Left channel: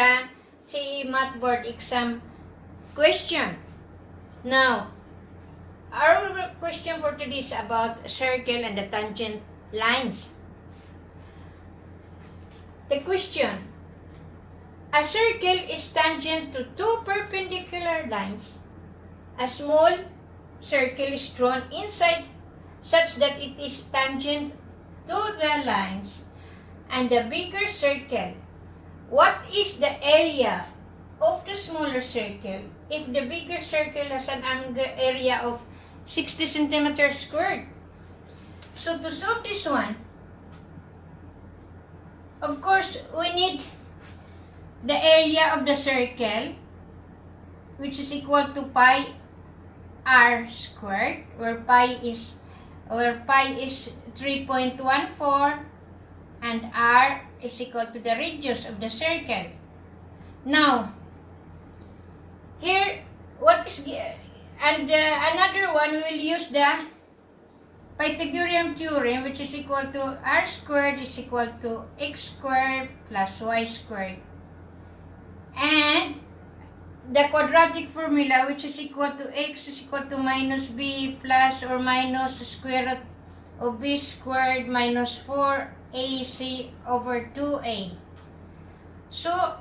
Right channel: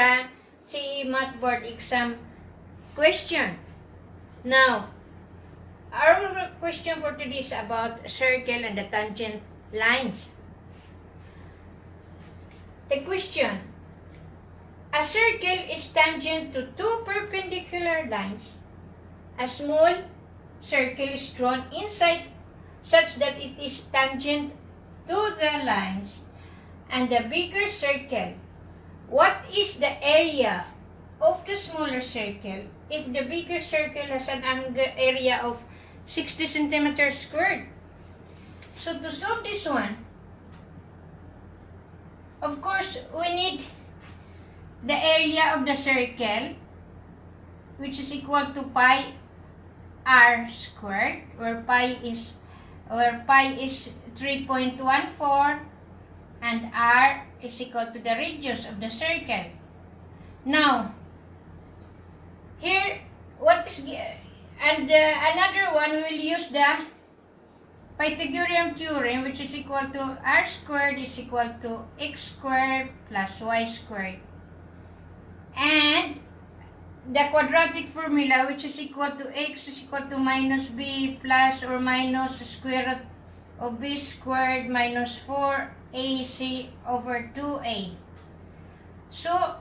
sa CE Math Board Exam question. Now, our question for today is about circle and the tangent lines. The question: a circle is tangent to two perpendicular lines. A small circle is drawn inside such that it is tangent to the lines and the bigger circle. What is the area of the smaller circle if the bigger circle has an area of 60 centimeters squared? So to solve this one, of course, we need the area of the circle, which is equal to pi r squared, where pi is 3.14 and r is equal to the radius of the circle. Now, here, another one, we will use the Pythagorean theorem, which is equal to r squared is equal to x squared plus y squared. And the quadratic formula, which is equal to x is equal to minus b plus or minus square root of b squared minus 4ac over 2a. So,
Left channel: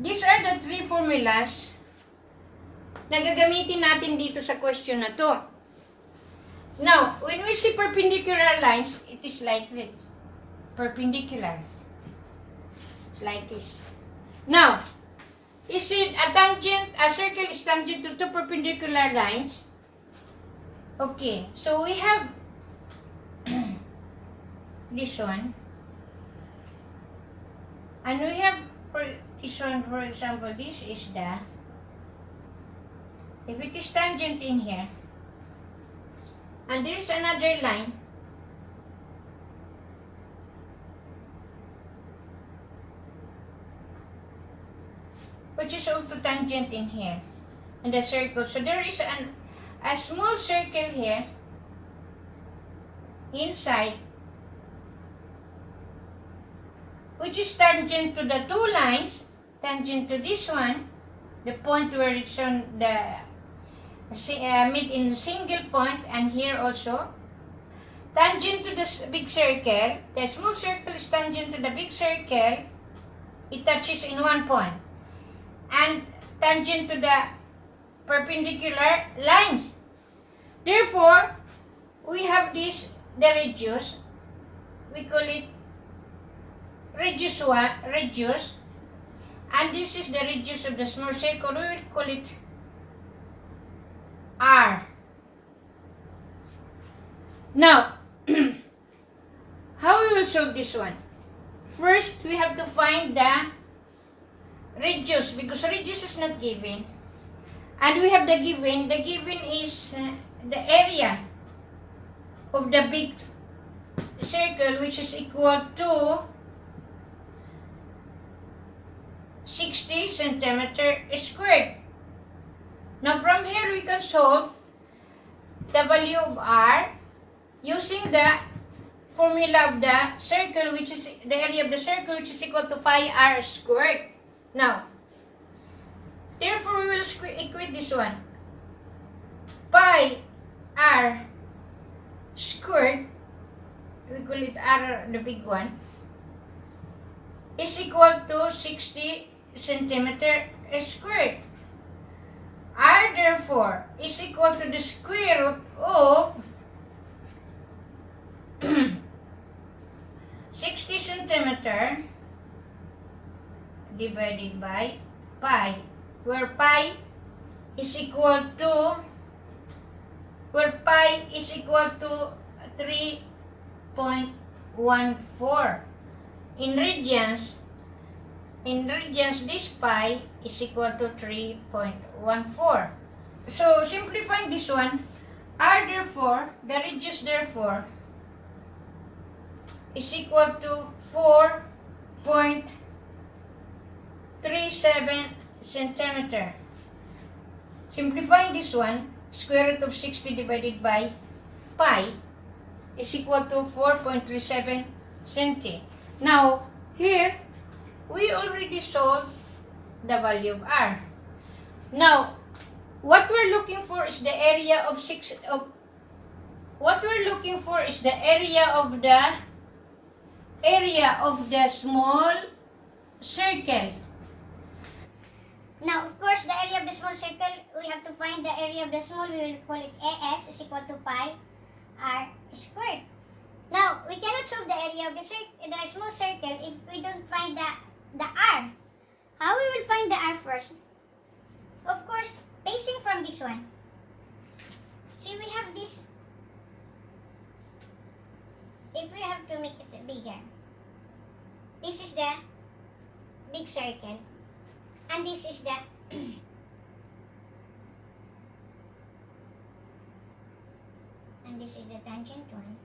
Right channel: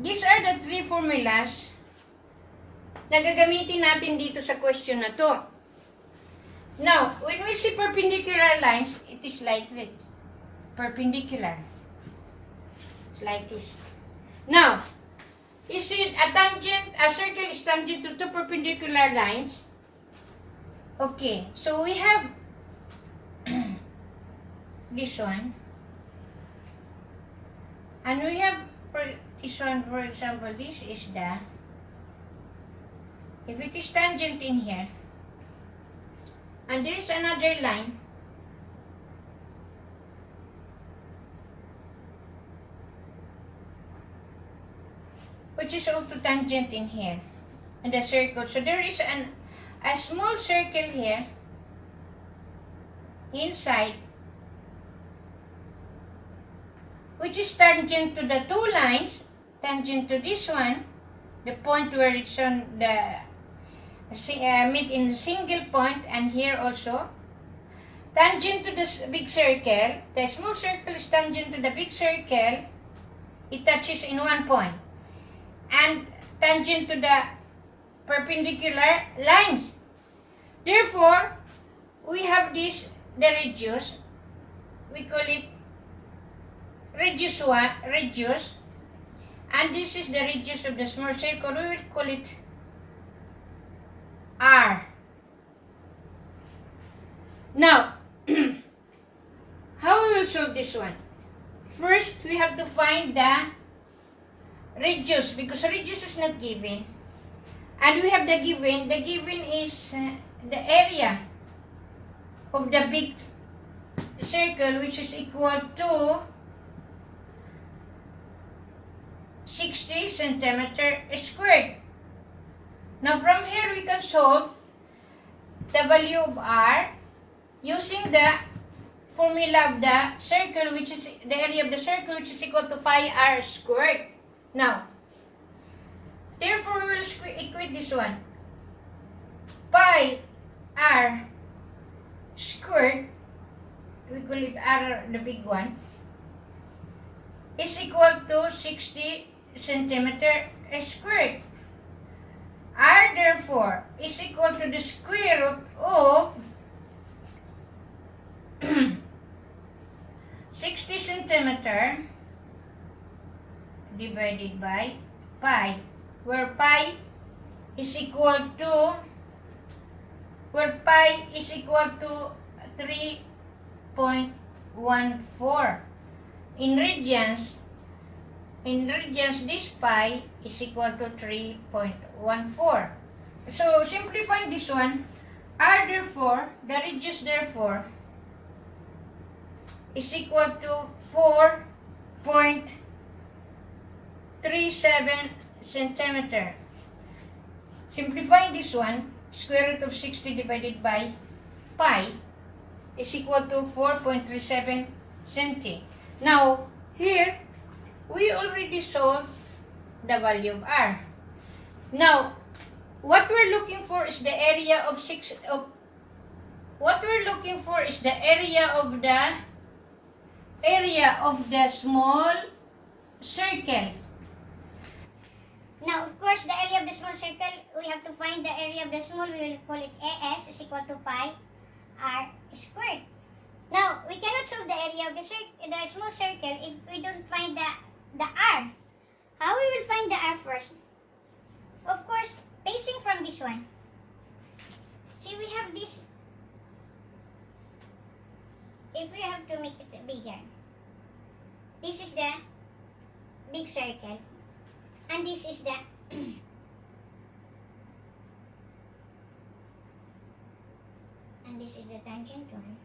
these are the three formulas na gagamitin natin dito sa question na to. Now, when we see perpendicular lines, it is like this. Perpendicular. It's like this. Now, is it a circle is tangent to two perpendicular lines? Okay, so we have this one. And we have this one, for example, this is the, if it is tangent in here, and there is another line, which is also tangent in here, and the circle. So there is a small circle here inside, which is tangent to the two lines, tangent to this one, the point where it's on the meet in single point, and here also tangent to the big circle. The small circle is tangent to the big circle. It touches in one point. And tangent to the perpendicular lines. Therefore, we have this, the radius. We call it radius 1, radius. And this is the radius of the small circle. We will call it r. Now, how we will solve this one? First, we have to find the radius, because radius is not given, and we have the given is the area of the big circle, which is equal to 60 centimeter squared. Now from here we can solve the value of r using the formula of the circle, which is the area of the circle, which is equal to pi r squared. Now, therefore, we will equate this one. Pi r squared, we call it r, the big one, is equal to 60 centimeter squared. R, therefore, is equal to the square root of 60 centimeter divided by pi, where pi is equal to 3.14. In radians, this pi is equal to 3.14. So simplifying this one, r therefore, the radius therefore, is equal to 4.37 centimeter. Simplifying this one, square root of 60 divided by pi is equal to 4.37 centi. Now, here, we already solved the value of r. Now, what we're looking for is the area of small circle. Now, of course, the area of the small circle, we have to find the area of the small, we will call it AS is equal to pi r squared. Now, we cannot solve the area of the small circle if we don't find the r. How we will find the r first? Of course, basing from this one. See, we have this. If we have to make it bigger, this is the big circle, and this is the and this is the tangent one.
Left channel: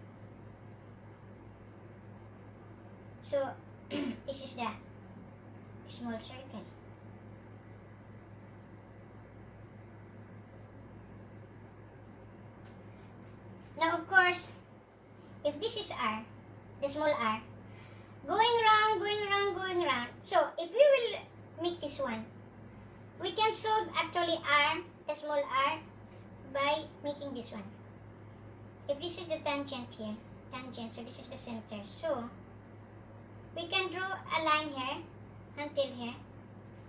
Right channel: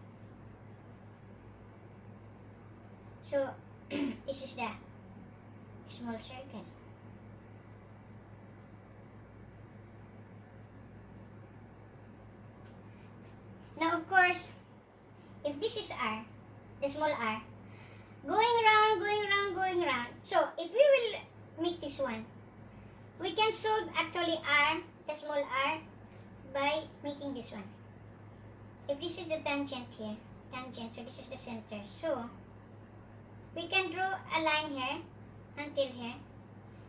So this is the small circle. Now, of course, if this is r, the small r, going round, so if we will make this one, we can solve actually r, the small r, by making this one. If this is the tangent here, so this is the center, so we can draw a line here until here,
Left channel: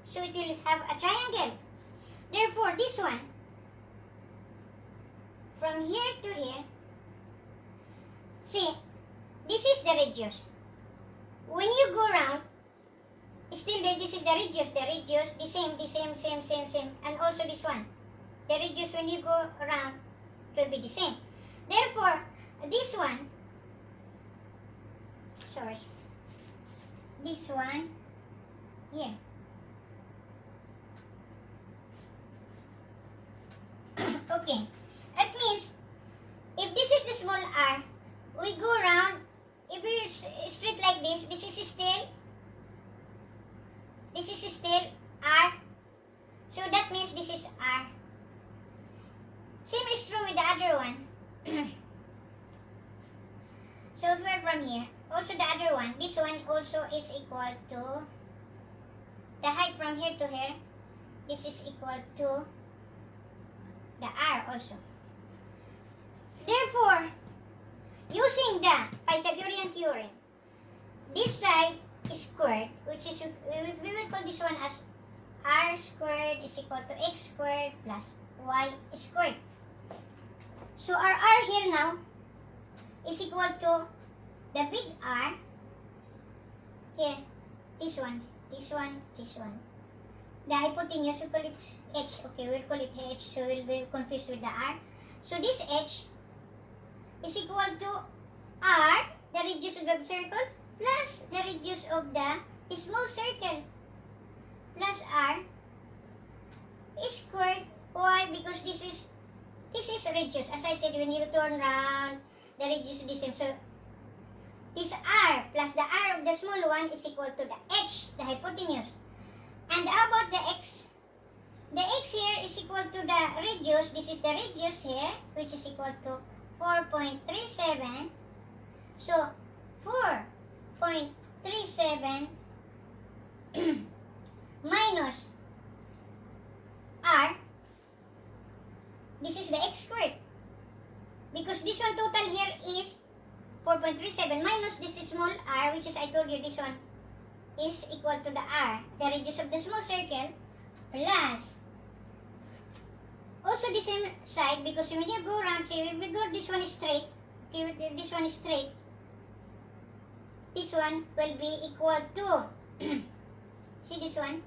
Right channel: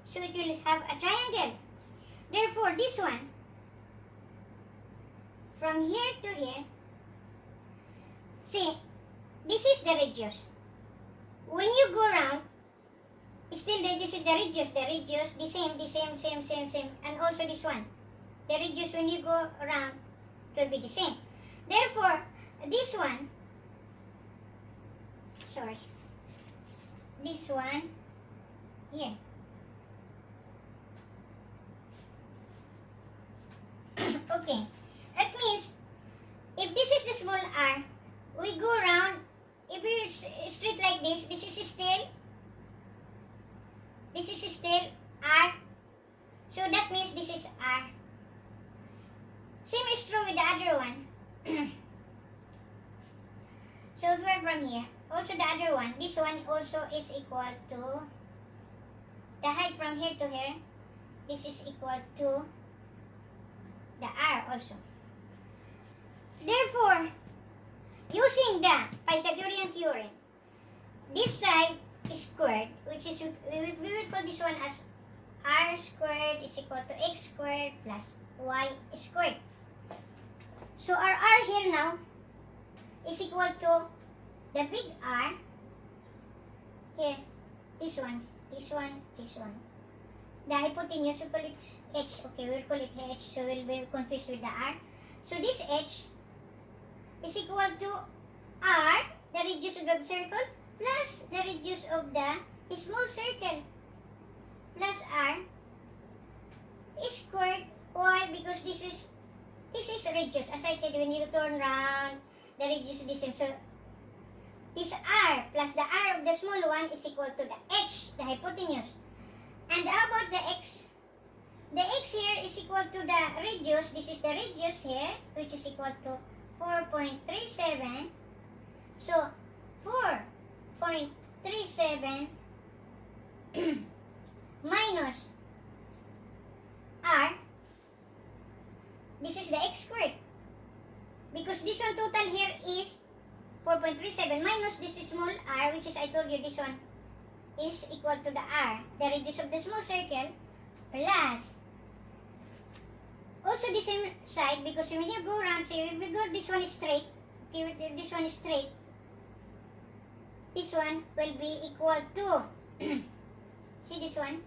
so it will have a triangle. Therefore, this one, from here to here, see, this is the radius. When you go round, still this is the radius, the same, and also this one. The radius when you go around will be the same. Therefore, this one, here. Okay, that means, if this is the small r, we go around, if we straight like this is still r, so that means this is r. Same is true with the other one. So if we're from here, also the other one, this one also is equal to, the height from here to here, this is equal to the r also. Therefore, using the Pythagorean theorem, this side is squared, which is, we will call this one as r squared is equal to x squared plus y squared. So our r here now is equal to the big R, here, this one. The hypotenuse, we call it h, okay, we'll call it h, so we'll be confused with the r. So this h is equal to r, the radius of the circle, plus the radius of the small circle, plus r squared. Why? Because this is radius. As I said, when you turn round, the radius is the same. So this r plus the r of the small one is equal to the h, the hypotenuse. And how about the x? The x here is equal to the radius. This is the radius here, which is equal to 4.37. So 4.37 minus r, this is the x squared. Because this one total here is 4.37 minus this is small r, which is, I told you, this one is equal to the r, the radius of the small circle, plus also the same side, because when you go around, say if we go this one is straight, okay, if this one is straight, this one will be equal to see this one,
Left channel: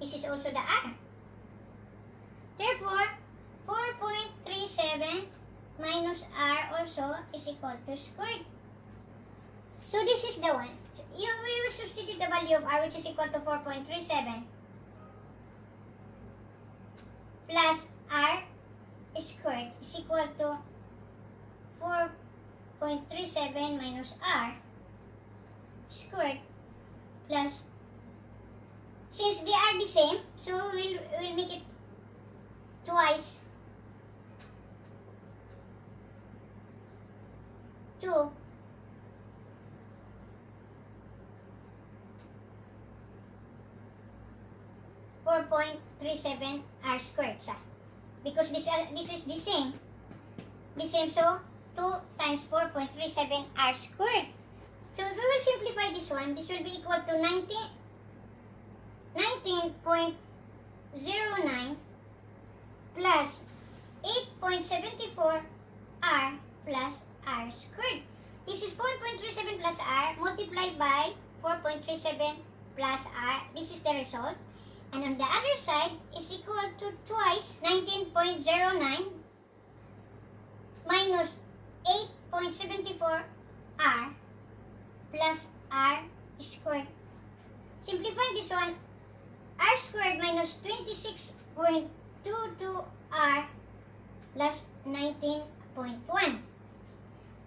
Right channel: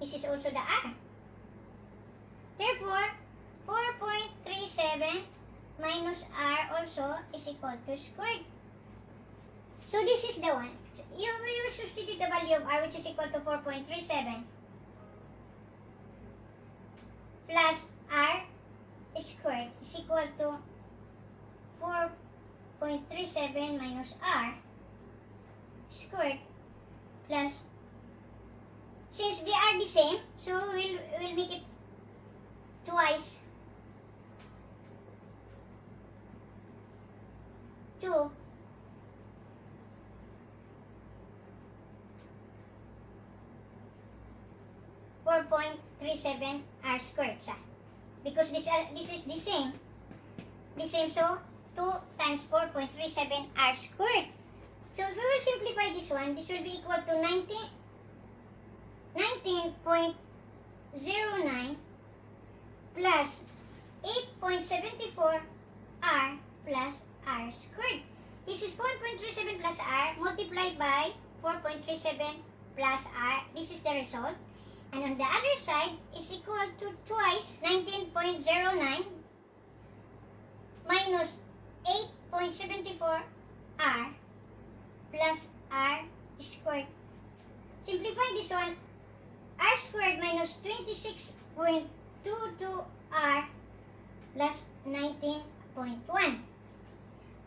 this is also the r. Therefore, 4.37 minus r also is equal to squared. So this is the one. So we will substitute the value of r, which is equal to 4.37 plus r squared is equal to 4.37 minus r squared plus, since they are the same, so we'll make it twice 2 4.37 r squared siya. Because this is the same. The same, so 2 times 4.37 r squared. So if we will simplify this one, this will be equal to 19.09 plus 8.74 r plus r squared. This is 4.37 plus r multiplied by 4.37 plus r. This is the result. And on the other side is equal to twice 19.09 minus 8.74 r plus r squared. Simplifying this one, r squared minus 26.22 r plus 19.1.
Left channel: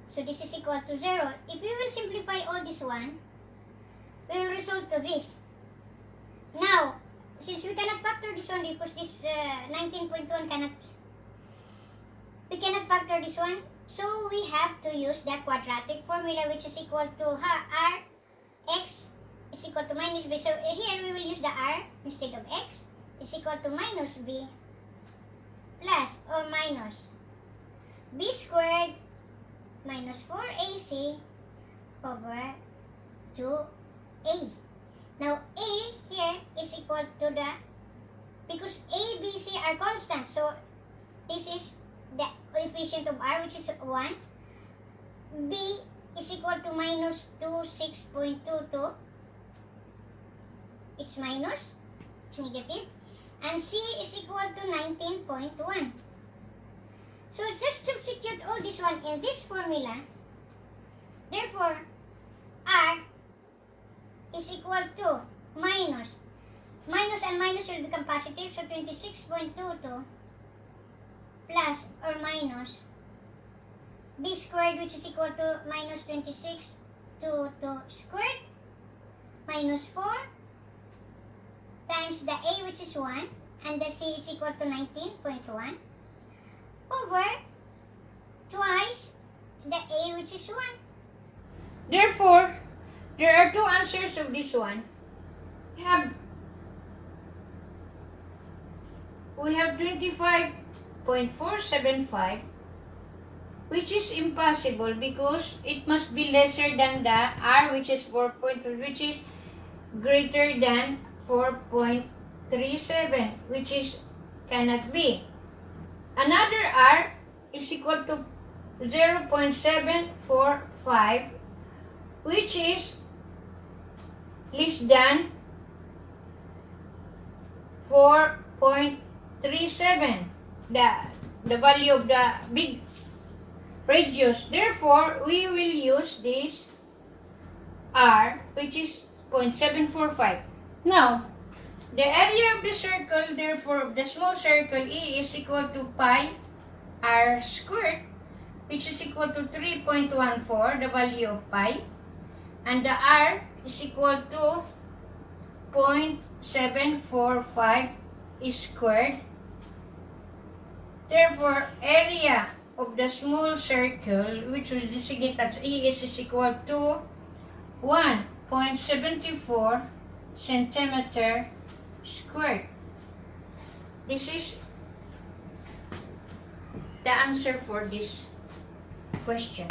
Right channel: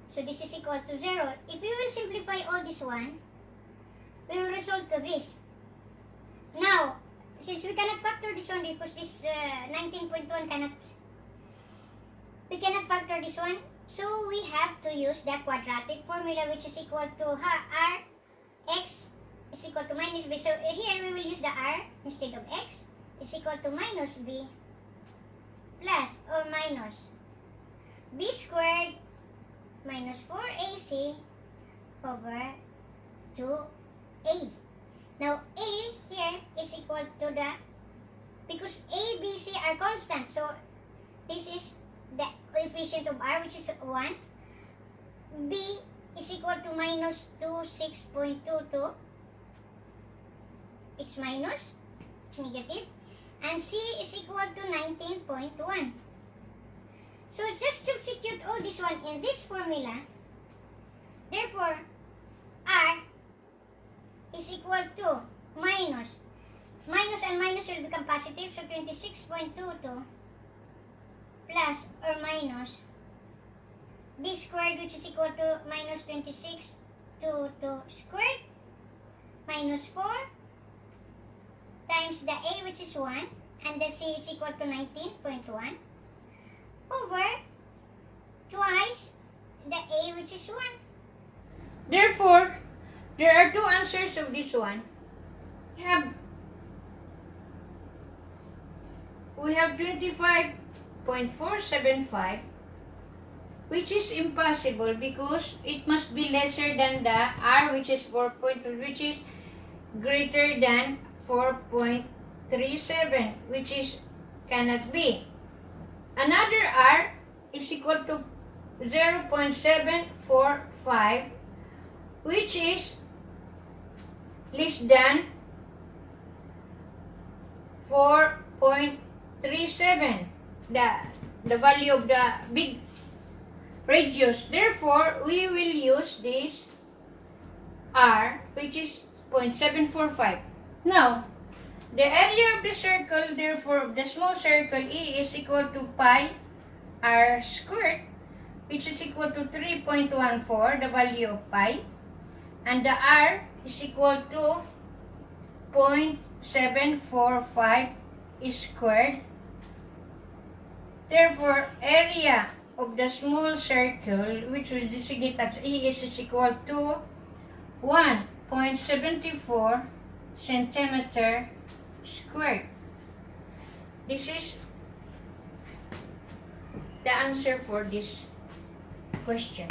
So this is equal to 0. If we will simplify all this one, we will result to this. Now, since we cannot factor this one because this 19.1 we cannot factor this one, so we have to use the quadratic formula, which is equal to r x is equal to minus b. So here we will use the r instead of x is equal to minus b plus or minus b squared minus 4ac over 2a. Now a here is equal to the, because a, b, c are constant, so this is the coefficient of r, which is 1. B is equal to minus 26.22. It's minus, it's negative. And c is equal to 19.1. So just substitute all this one in this formula. Therefore, r is equal to minus and minus will become positive, so 26.22 plus or minus b squared, which is equal to minus 26.22 squared minus 4 times the a, which is 1, and the c is equal to 19.1 over twice the a, which is 1. Therefore, there are two answers of this one. We have 25.475, which is impossible because it must be lesser than the r, which is 4. Which is greater than 4.37, which is cannot be. Another r is equal to 0.745, which is less than 4.37, the value of the big radius. Therefore, we will use this r, which is 0.745. Now, the area of the circle, therefore, the small circle E is equal to pi r squared, which is equal to 3.14, the value of pi, and the r is equal to 0.745 squared. Therefore, area of the small circle, which was designated as E, is equal to 1.74 centimeter squared. This is the answer for this question.